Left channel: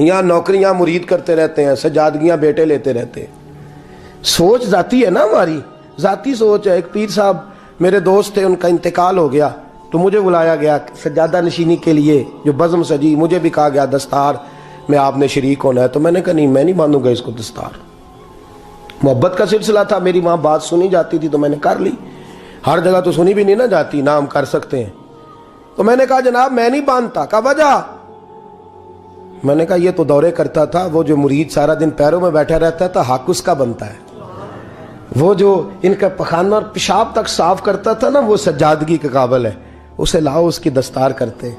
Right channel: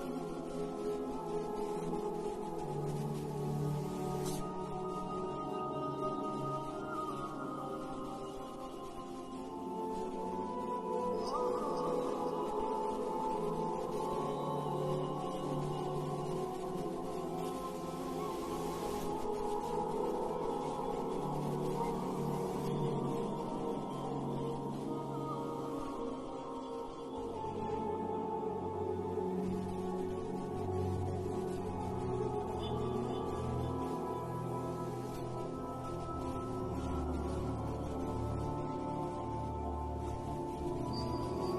یہاں نوکریاں مرید کرتے رہتے ہیں، سجادگیاں بیٹے لیتے رہتے ہیں۔ سوچ ذاتی ہے نا، ہماری ذاتی سوچ ہے۔ ایک پیر صاحب میرے دوست تھے، ان کا انتقال ہو گیا تو مجھے بلایا گیا سجادہ نشینی کے لیے، جو بزم سجی، مجھے بھی کہا گیا دستار میں آپ نے شریک ہونا ہے۔ تو میں نے کہا نہیں، میں نہیں باندھوں گا اس کو دستار۔ محبت کا سلسلہ تھا، میری وہاں بات سنی جاتی تھی تو میں نے کر لی، ہر جگہ تو سنی بھی نہیں نہ جاتی، نہ ہم کر سکتے ہیں۔ تو میں نے کہا جناب میں نہیں باندھتا۔ کہا وجہ؟ میں نے کہا یہ تو دورے کرتا تھا، وہ جو مرید سارا دن پیروں میں بیٹھا رہتا تھا حق اس کا بنتا ہے، وہ جو ان کا پخانہ اور پیشاب تک صاف کرتا تھا نا، وہ سجادگی کے قابل ہے، اسے لاؤ اس کی دستار کرتے ہیں۔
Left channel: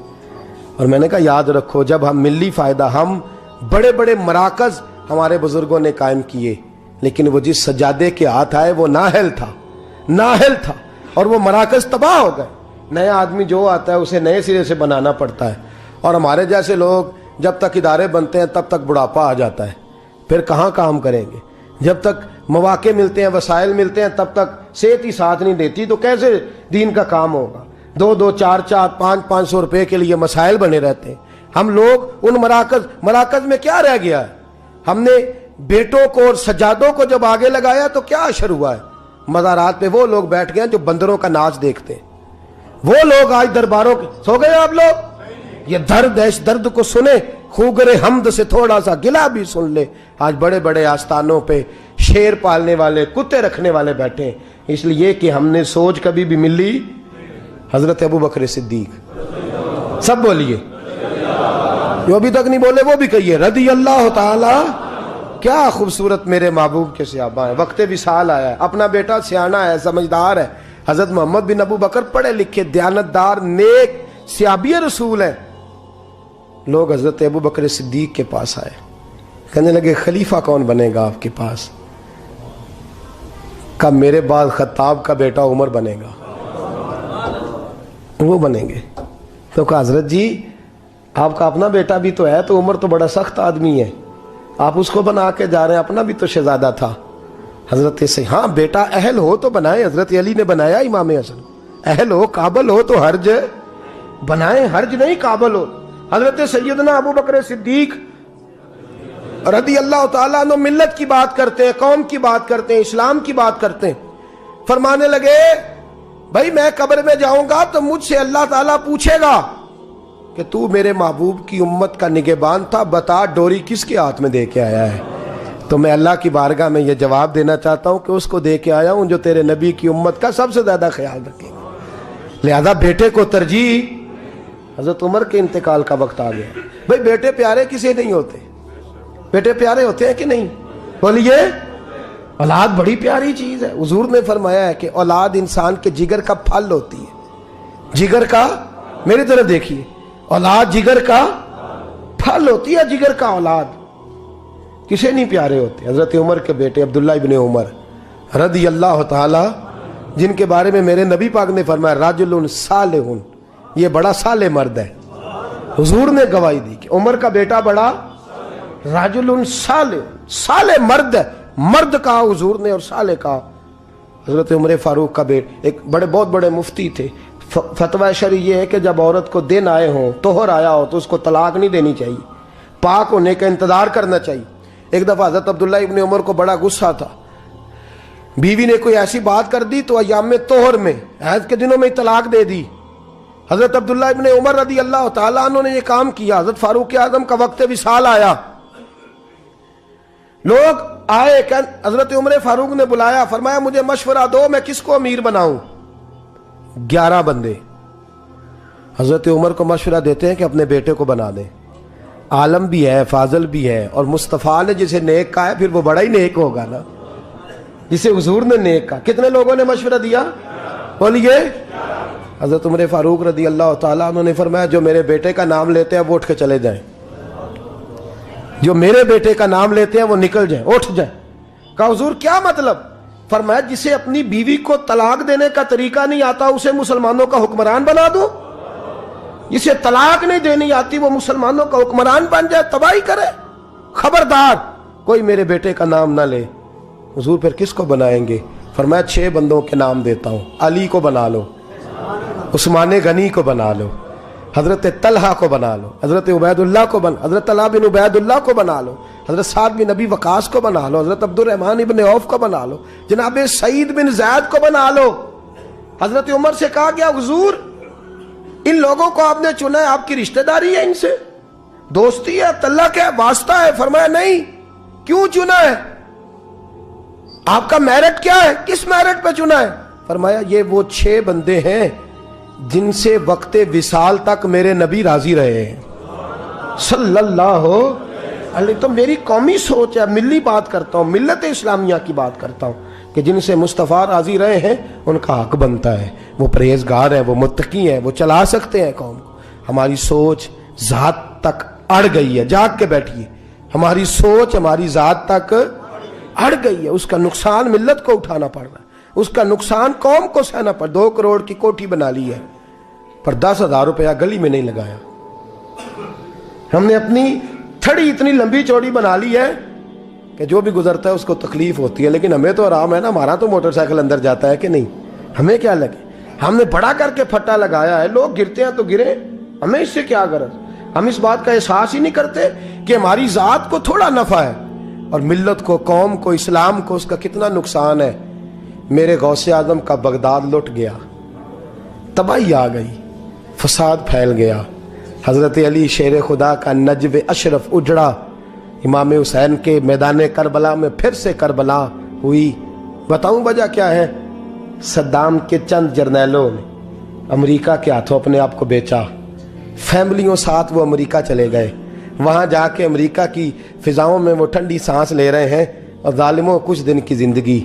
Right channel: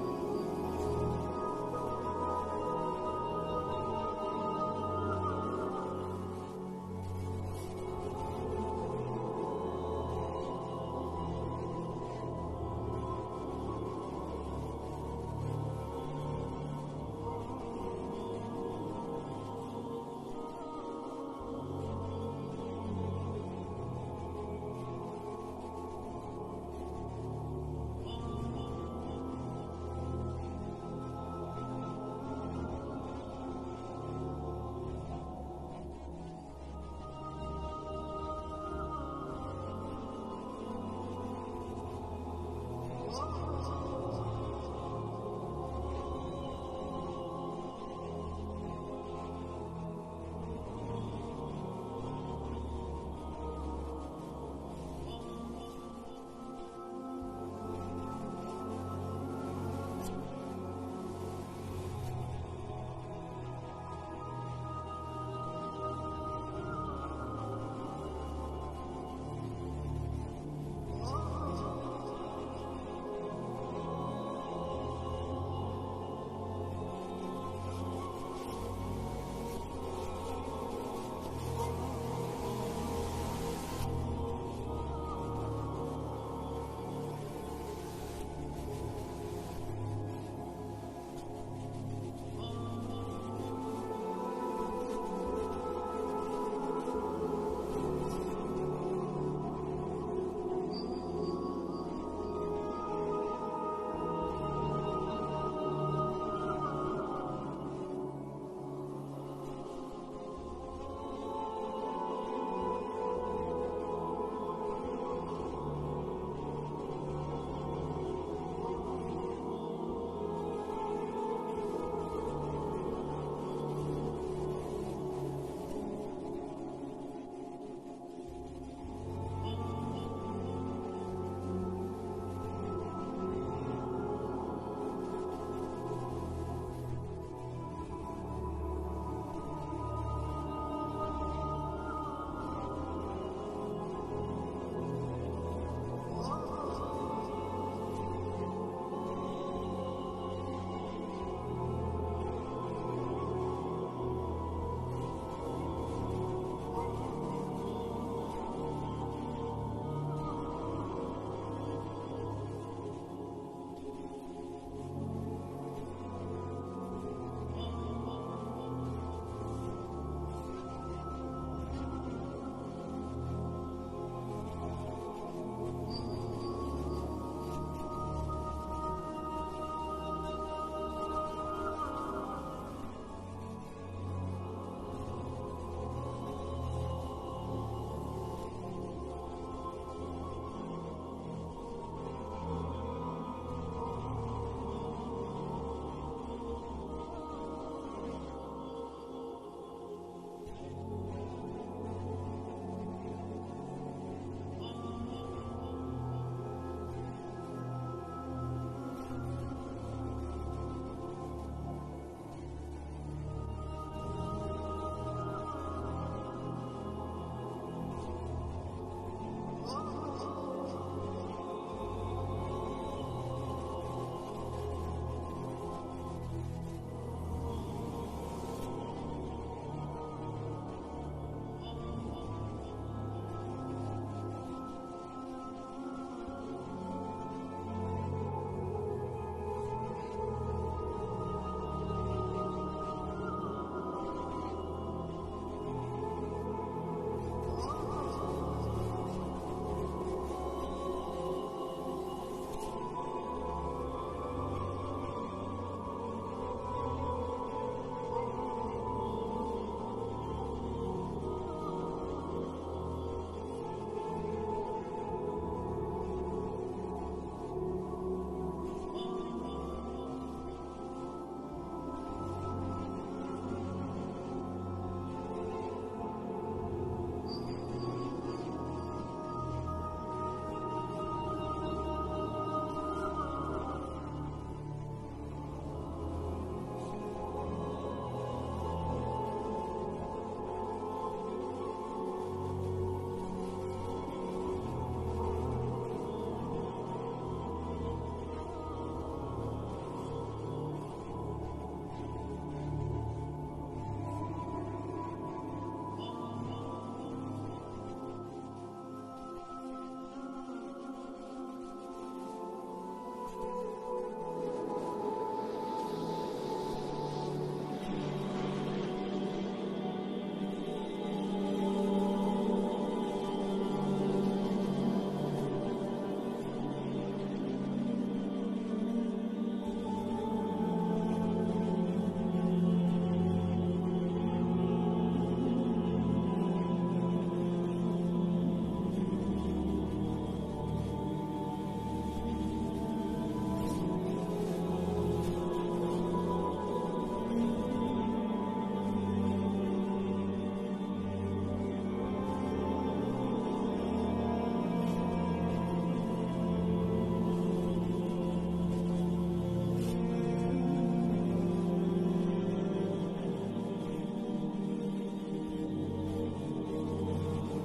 اور میں نے کہا یاد رکھو، جب ہم ملی فائدہ، ہم بڑے بڑے مراکز ہمارے بزرگوں نے قائم کیے، لیکن وہ جس سجادے کے ہاتھ آئے وہ نااہل تھا اور وہ مراکز تباہ ہو گئے۔ نیا آدمی جو آتا ہے اسے نئے سرے سے بنانا پڑتا ہے، اور ہمارے جیسے لوگ جب تک ادارے بنتے ہیں تب تک بڑھاپا آ جاتا ہے، پھر کہاں کام کریں گے؟ جب تک مواقع ملتے ہیں، وسائل ملتے ہیں، تب تک صحت ہی ساتھ نہیں دیتی تو کیسے دین کا کام ہوگا؟ 2 4 500 روپے کے لیے مسائل بنے رہتے ہیں۔ ہم لوگ ان مراکز میں کیا رہ گیا ہے؟ ہم نے بیٹوں کو اور سجادوں کو جب آگے لگایا تو کیا اثر ہوا ہے؟ مزارات پہ وہ لوگ بیٹھ گئے جو بندروں کا ناچ دیکھتے ہیں، وہ لوگ آج درباروں کے سو گئے۔ آپ لوگ یہ درد ہے، اس درد کو سنیں، خوگر حمد سے تھوڑا سا گلا بھی سن لے۔ آج بڑے بڑے آستانوں پہ شیر پالنے والے، کتے رکھنے والے بیٹھے ہیں، اس لیے کہ ہم نے سوچ کبھی بھی ملی حضرت ابو بکر صدیق۔ سب بولیے، جو ابھی تک نہیں بولے وہ بھی کہیے رضی اللہ تعالی۔ کیا خوبصورت میرے محبوب کے صحابہ ہیں۔ وقت وصال آیا ہے، اپنا بیٹا سیانا ہے، سمجھدار ہے، حضرت محمد بن ابو بکر پڑھے لکھے، دیانتدار، نیک صحابی رسول ہیں۔ لوگ حضرت ابو بکر صدیق کے پاس آئے، کہنے لگے خلیفہ کون بنے گا آپ کے پاس؟ کہا میرے بعد خطاب کا بیٹا عمر بنے گا، وہ بنیں گے۔ تو کہا حضرت جی آپ کا اپنا بیٹا بھی تو ہے، تو عمر تو بڑا سخت آدمی ہے، آپ اس کو بنا کے جا رہے ہیں، اپنا بھی تو شہزادہ تھا۔ حضرت سے ہاں بیٹا اہل ہو تو بنائے، حضرت علی نے بنایا امام حسن، اہل ہو قابل ہو تو حرج بنائیں، حرج نہیں قابل ہو۔ حضرت سیدنا ابو بکر صدیق رضی اللہ تعالیٰ عنہ ملت کی بات کرتے ہیں، قوم کی بات کرتے ہیں، اسلام کی بات کرتے ہیں، فرمانے لگے بھائی میں قبر میں جاؤں گا تو مجھ سے اللہ تعالیٰ پوچھے گا کہ تو میرے محبوب کی امت کا نگہبان تھا، بتا ڈوری کس کے ہاتھ میں دے کے آیا ہے؟ تو میں اللہ کی بارگاہ میں یہ جواب دینا چاہتا ہوں کہ اس کو دے کے آیا ہوں جو تیرے نبی کی امت کا سب سے زیادہ خیال رکھے گا۔ لہذا بیٹے کو ترجیح۔ حضرت عمر کے انتقال کا وقت آ گیا۔ بھئی بیٹے پیارے کسے نہیں ہوتے؟ بیٹے پیارے ہوتے ہیں کہ نہیں؟ بولیے، اولاد بڑی پیاری چیز ہے۔ حضور نے فرمایا ہے کہ اولاد انسان کے جگر کا پھل ہوتی ہے، جگر کا، میری طرف دیکھیے، اولاد جگر کا پھل ہوتی ہے، جگر کا اولاد کسے نہیں پیارے ہوتے؟ حضرت عمر کے بیٹے عبداللہ ابن عمر رضی اللہ تعالی، جن کے بارے میں میرے نبی پاک نے فرمایا رجل صالح، یہ بڑا صالح مرد ہے۔ حضور نے گواہی دی کہ عمر کا بیٹا بڑا رجل صالح مرد ہے، مرد کہا حضور نے اور صالح کہا۔ حضرت عمر فاروق کا بیٹا، ایک بہت بڑے مفتی تھے، فتویٰ شرعی یہ ہے کہ جب عورت کو دن آئے ہوں، طہر آیا ہو، تو اس کو طلاق نہیں دینی چاہیے، پاک ہونے کا انتظار کرنا چاہیے۔ ایک دفعہ حضرت عبداللہ ابن عمر کو بڑا غصہ تھا، بیوی نے کوئی ایسی بات کر دی تو ایام طہر میں، حیض کے دنوں میں طلاق دے دی۔ حضرت عبداللہ ابن عمر رضی اللہ تعالیٰ عنہ نے یہ کام کیا۔ حضرت فاروق اعظم کا وقت وصال آیا، لوگ آئے، حضرت عمر فاروق نے بلایا، فرمایا مجھے مشورہ دو میں کس کو امیر بناؤں؟ 11 بندے حضرت عمر کو مشورہ دیتے ہیں کہ اپنے بیٹے کو بنا دیں، عالم بھی ہے، فاضل بھی ہے، اور مصطفیٰ نے جسے نیک کہا ہے پھر وہ بڑا ہی نیک ہوگا نا، جسے حضور نے نیک کہا۔ کتنے لوگوں نے مشورہ دیا؟ بولیے۔ حضرت عمر فاروق رضی اللہ تعالیٰ عنہ نے فرمایا جو میرے بیٹے کا نام لیتے ہیں وہ اٹھ کے چلے جائیں، جو میرے بیٹے کا نام لیتے ہیں وہ نکل جائیں، اٹھ جائیں۔ کہا حضور کیا مطلب؟ فرمایا جسے اپنی بیوی کو طلاق دینے کا طریقہ نہیں آتا اسے مسلمانوں کا حکمران بنا دو، جسے طلاق نہیں دینی آتی وہ مسلمانوں کا حکمران بن جائے، تباہی کرے۔ خبردار کوئی میرے بیٹے کا نام نہ لے۔ حضور پھر کس کو بنائیں گے؟ فرمایا 6 بندوں کے نام دیتا ہوں، علی کو بنا لو، عثمان غنی کو بنا لو، حضرت طلحہ کو بنا لو، حضرت عبیداللہ کو حضرت طلحہ بن عبیداللہ کو بنا لو، حضرت سعد بن نبی وقاص کو بنا لو، حضرت عبد الرحمن بن عوف کو بنا لو، جناب سعید بن زید کو بنا لو۔ حضرت عمر سے کہا گیا حضور ان لوگوں کو آپ نے چنا ہے، آپ کی رشتہ داری ہے ان سے، دوستی ہے، تعلق ہے، واسطہ ہے؟ فرمایا نہیں۔ کیوں چنا ہے؟ آپ کا میرٹ کیا ہے؟ کس میرٹ پہ چنا ہے؟ فرمایا یہ وہ 6 بندے ہیں جن سے وقت وصال تک میرے نبی راضی رہے ہیں صلی اللہ علیہ۔ تو میری قومی سوچ ہے، ملی بات کرتا ہوں، ملت اسلامیہ کی بات کرتا ہوں کہ جن سے مصطفیٰ راضی رہے ہیں ان کا حق بنتا ہے، وہ پرہیزگار ہیں، وہ متقی ہیں، وہ چلا سکتے ہیں قوم۔ ہماری سوچ ذات تک اڑ گئی ہے، جاگ کے بیٹھیے، ہماری سوچ ہماری ذات تک اڑ گئی ہے، اس کا نقصان ملت کو اٹھانا پڑ رہا ہے، اس کا نقصان قوم کو سہنا پڑ۔ 2 کروڑ کی کوٹھی بنا لی ہے پر 10,000 روپیہ گلی میں نہیں لگایا۔ ہم نے اپنی تھڑی اتنی لمبی چوڑی بنا لی ہے کہ جو بھی گزرتا ہے اس کو تکلیف ہوتی ہے، لیکن ہمیں تو آرام ہے نا، ہمارا تو موٹر سائیکل اندر جاتا ہے کہ نہیں، ہمیں کیا لگے؟ ہم نے بڑا کر کے پھٹا لگایا ہے، لوگ گرتے ہیں تو گرے، ہمیں اس سے کیا غرض؟ ہم اس بات کا احساس ہی نہیں کرتے کہ ہماری ذات کو تھوڑا نفع ہے اور ملت کو، قوم کو، اسلام کو اس کا کتنا نقصان ہے۔ میرے غوث اعظم کا بغداد لٹ گیا، تباہی آ گئی، فساد پھیل گیا، حضرت علی شیر خدا کا نجف اشرف اجڑا، امام حسین کے میدان کربلا میں پھر سے کربلا ہوئی۔ بتاؤں وجہ کیا ہے؟ صدام کے چند جرنیلوں نے امریکہ کے ہاتھوں اپنے آپ کو بیچا، فیملیوں ساتھ وہ امریکہ چلے گئے، وہاں جا کے امریکہ کی فضاؤں میں وہ ٹھنڈی سانس لے رہے ہیں، اور ظالموں کچھ دن کی زندگی،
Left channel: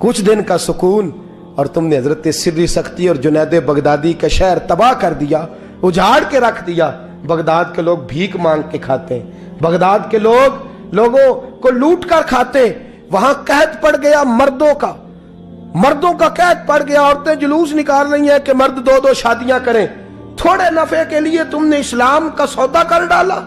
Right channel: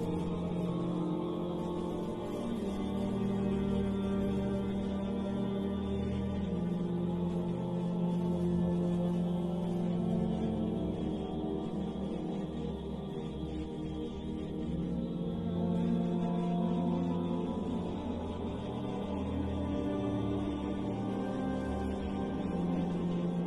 کچھ دن کا سکون، اور تم نے حضرت سری سختی اور جنید بغدادی کا شہر تباہ کر دیا، اجاڑ کے رکھ دیا۔ بغداد کے لوگ بھیک مانگ کے کھاتے ہیں، بغداد کے لوگ لوگوں کو لوٹ کر کھاتے ہیں، وہاں قحط پڑ گیا مردوں کا قحط پڑ گیا، عورتیں جلوس نکال رہی ہیں کہ مرد 2 شادیاں کریں۔ تھوڑے نفع کے لیے تم نے اسلام کا سودا کر ڈالا،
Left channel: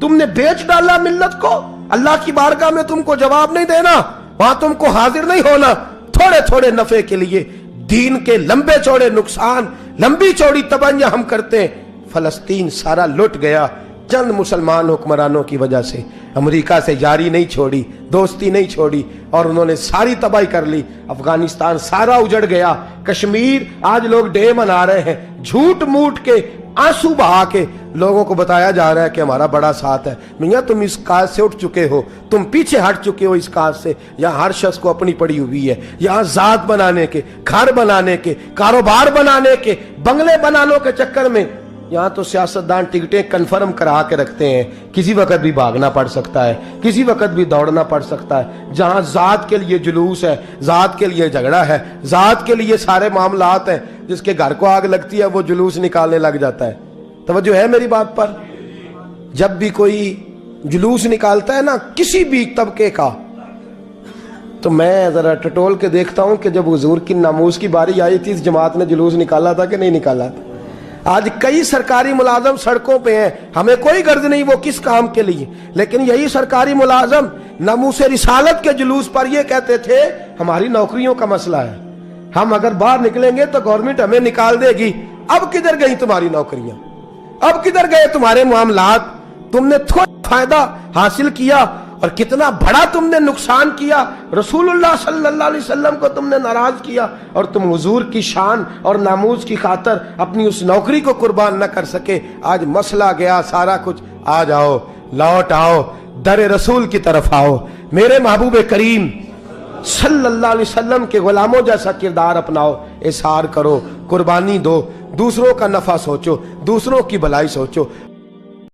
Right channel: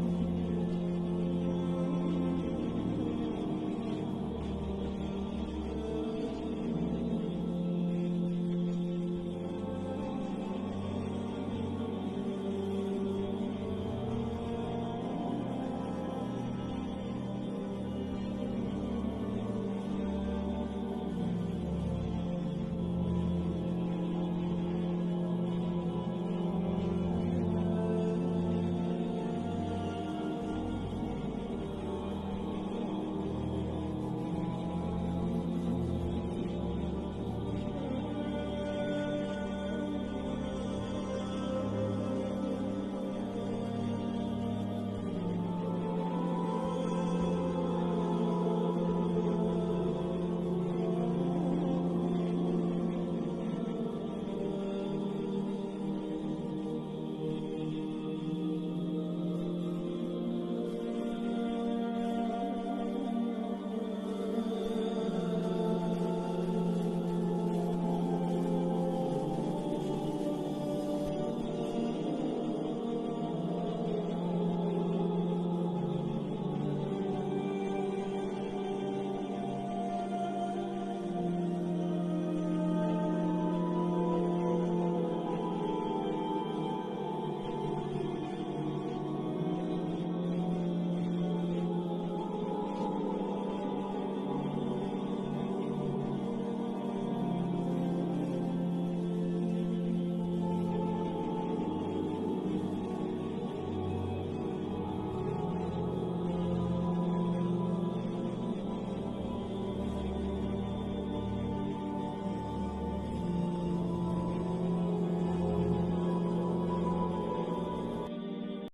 تم نے بیچ ڈالا ملت کو۔ اللہ کی بارگاہ میں تم کو جواب نہیں دینا، وہاں تم کو حاضر نہیں ہونا۔ تھوڑے نفع کے لیے دین کے لمبے چوڑے نقصان، لمبی چوڑی تباہیاں ہم کرتے ہیں۔ فلسطین سارا لٹ گیا چند مسلمان حکمرانوں کی وجہ سے، امریکہ سے یاری نہیں چھوڑی، دوستی نہیں چھوڑی، اور انہوں نے ساری تباہی کر لی۔ افغانستان سارا اجڑ گیا، کشمیر آج لوگ ڈے منا رہے ہیں، جھوٹ موٹ کے، آنسو بہا کے لوگوں کو بتایا جا رہا ہے کہ ہمارا بڑا ساتھ ہے۔ میاں تم اس کاج سے اٹھ چکے ہو، تم پیچھے ہٹ چکے ہو اس کاج سے۔ یہاں ہر شخص کو اپنی پڑی ہوئی ہے، یہاں ذات بنانے کے، گھر بنانے کے، کاروبار بنانے کے، بنگلے بنانے کے چکر میں یہاں تو سیاستدان ٹکٹیں کنفرم کرا کے رکھتے ہیں، کسی وقت بھی بھاگنا پڑ سکتا ہے، کسی وقت بھی دوڑنا پڑ سکتا ہے۔ جہاں ذات کے لیے جلوس ہے، ذات کے لیے جھگڑا ہے، ذات کے لیے سارے معاملات ہیں، جس کے گھر کو آگ لگتی ہے وہ جلوس نکالنے لگ جاتا ہے۔ توجہ ہے میری بات پر؟ جب بھی کوئی جلوس نکالتا ہے نا کسی بھی طبقے کا، تو میں ذرا ٹٹول کے دیکھتا ہوں کہ جب حضور کی ناموس کی باری آئی تھی اس جماعت نے جلوس نکالا تھا کہ نہیں نکالا تھا؟ آج کئی سرکاری ملازم سڑکوں پہ ہیں، ہمیں کوئی غرض نہیں وہ کس کام کے لیے، لیکن یہی سرکاری ملازم ناموس رسالت کے جلوس پر یہ کہتے تھے ہماری نوکریوں کا مسئلہ ہے، ہم اگر باہر نکلیں گے تو گورنمنٹ ہمیں نکال دے گی۔ اب کدھر گئی تمہاری نوکریاں؟ اب کدھر گئے تمہارے معاملات؟ تم نے تھوڑا فائدہ حاصل کیا اور کتنا بڑا تم نے نقصان کیا۔ رسول اللہ صلی اللہ علیہ وسلم کو تم نے ناراض کیا، اور تم حضور کی شان اور ناموس کی خاطر اپنی اس نوکری کو قربان نہ کر سکے۔ آج مسئلہ گیا سارا کچھ، آ جاؤ، لوٹ آؤ، در رسول کی طرف آؤ، میرے محبوب کریم صلی اللہ علیہ وسلم کے غلاموں جیسا کردار اپناؤ، اظہار کرو، قربانی دو، دوسروں کا نفع سوچو، دوسروں کی بھلائی سوچو۔